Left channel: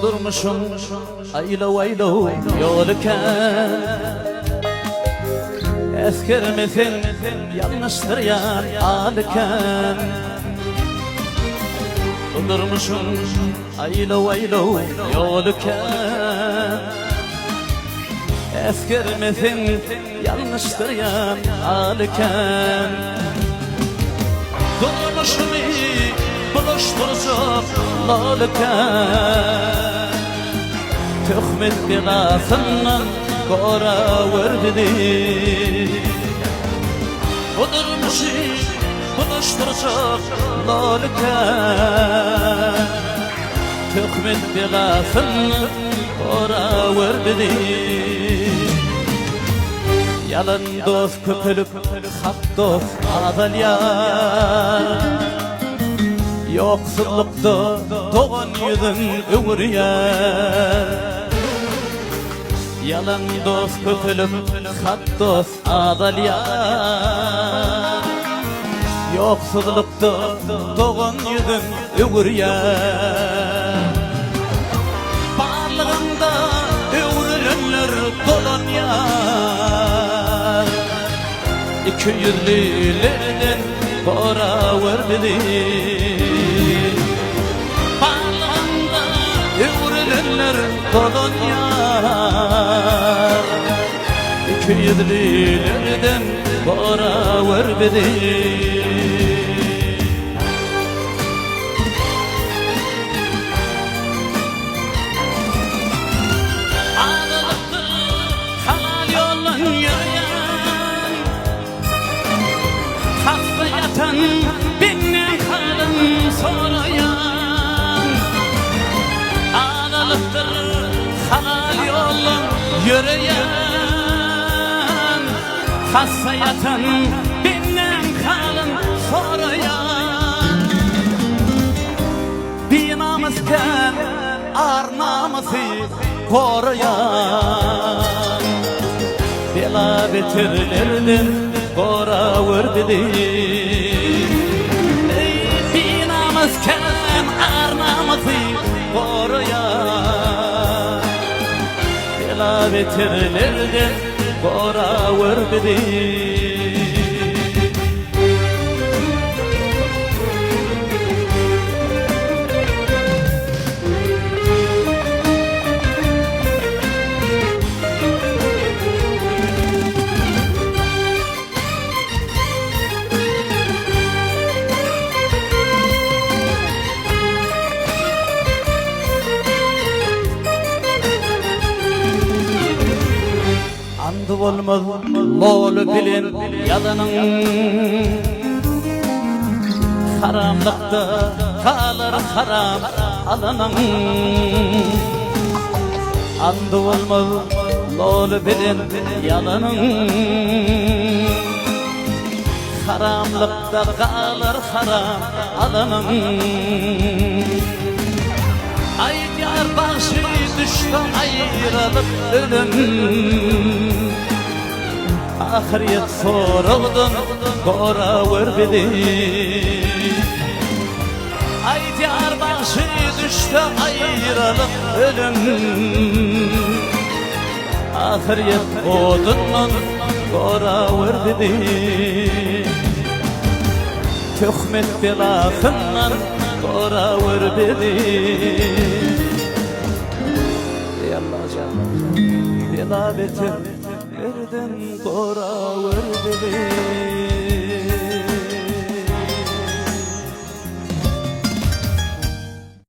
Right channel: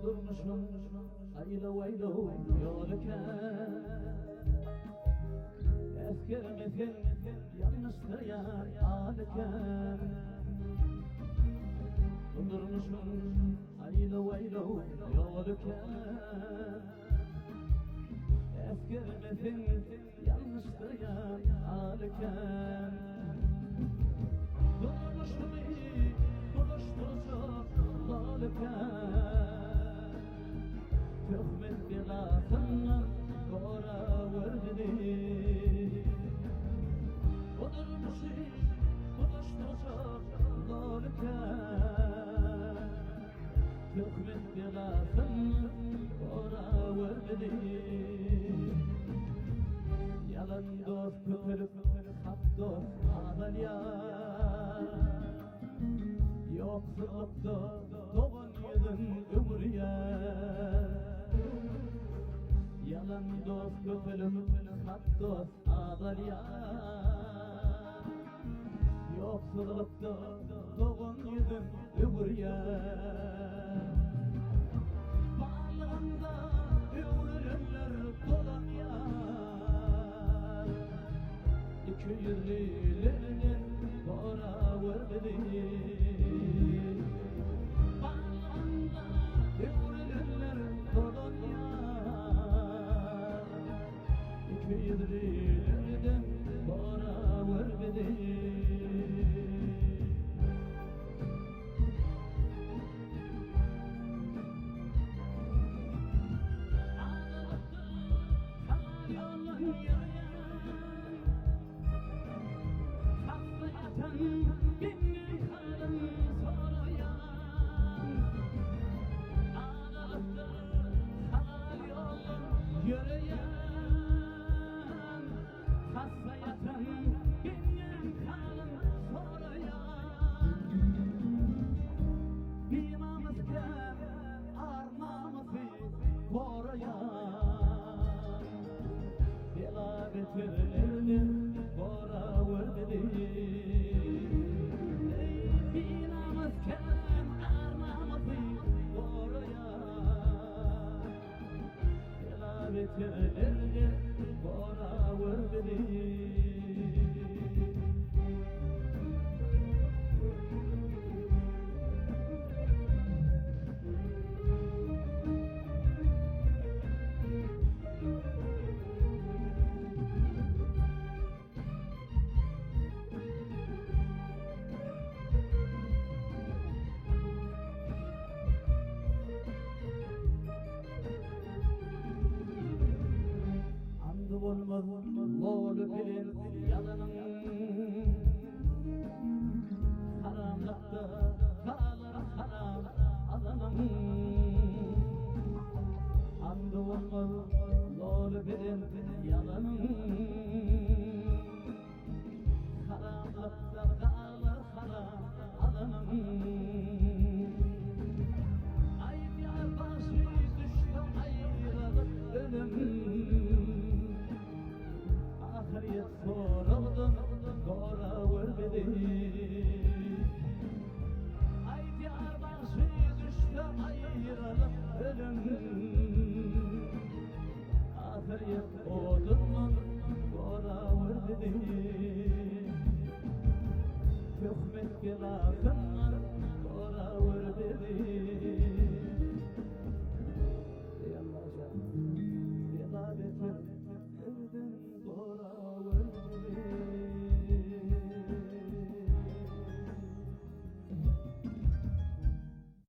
Kudurmuşum aylo aylo yolken Eskermesin yanlıştır yar alken Kudurmuşum aylo aylo yolken Eskermesin yanlıştır yar alken Kudurmuşum buluşturacak lalken Töhmet bilasından gora verdi Kudurmuşum buluşturacak lalken Töhmet bilasından gora verdi Yalan dost köpülüp hak dost adalya Yoksullukta doğan yüzün öğürüyer Yalan dost köpülüp hak dost adalya Yoksullukta doğan yüzün öğürüyer Bağlığında öğürülenler dolan yar İki yüzlülerden kora verdi Bağlığında öğürülenler dolan yar İki yüzlülerden kora verdi Benim kalım sorayan Ağlalıktır halal yolun yürüyen Hasta yatan benim kalım sorayan Bir namusken ar namusu koruyan Bela betirlerden kora verdi Kem arnamızı koruyan Bela betirlerden kora verdi Olmaz lol bilin yalanın Haramlıkta kalır haram alanın Andı olmaz lol bilin yalanın Haramlıkta kalır haram alanın Ay yar başı düştü ayrılıp ölüm Ahiriyet soruldun kora verdi Ay diyar başı düştü ayrılıp ölüm Ahiriyet odunun kora verdi Töhmet belasından kora verdi Yallah canım Bela betir Nereden kora verdi